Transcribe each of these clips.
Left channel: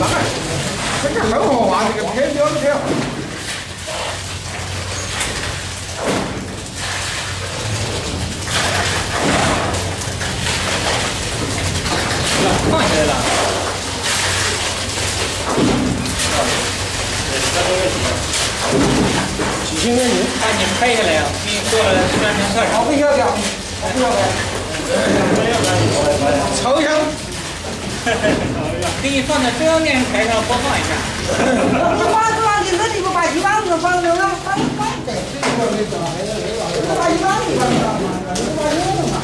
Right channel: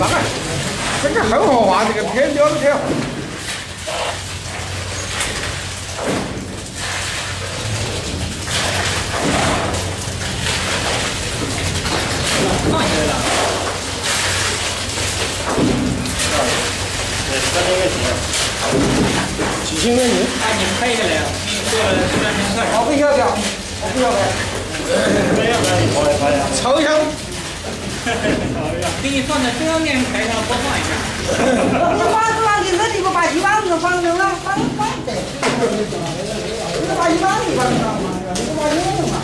当然，这个很好玩，这个偏标的挺好。放下来了。几千块钱？啊，你拍下来啊！你做了3天菜。我不要的，我不要的。抽象。给你放在中央电视台上播放一下。你把主要的那地方把一万个放了，放的。把一万个放了，你把这个嘛。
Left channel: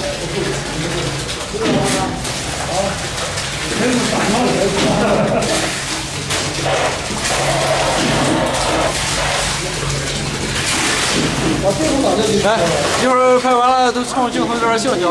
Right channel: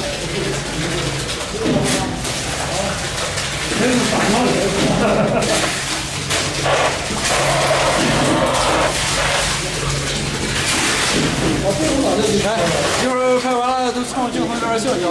来，一会儿拍完了都冲镜头这边笑笑。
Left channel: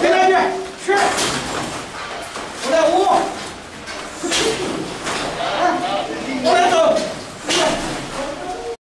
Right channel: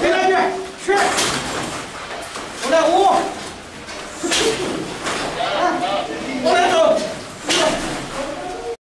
回来去，去，5.5。